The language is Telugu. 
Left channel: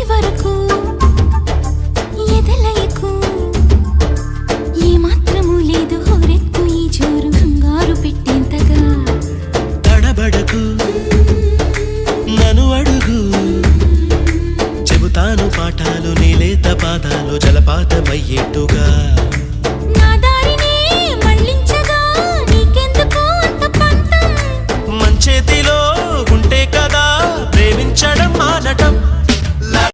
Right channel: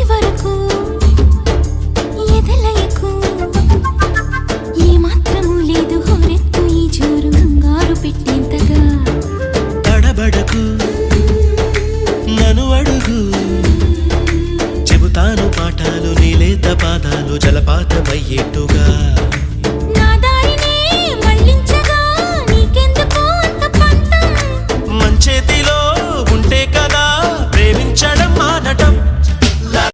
వరకు ఎదలయకు ఏ మాత్రము లేదు హోరెత్తు ఈ జోరు కంగారు పెట్టేంతగా తడబడకు నన్ను అడుగు చెబుతాను పాఠాలు నీలేత పాదాలు జలపాతమయ్యేట్టుగా నా దారినే మళ్ళించగా నీకెందుకు అంత పంతం మంచేతిలో ఉంటే కదా ప్రేమించడం మానటం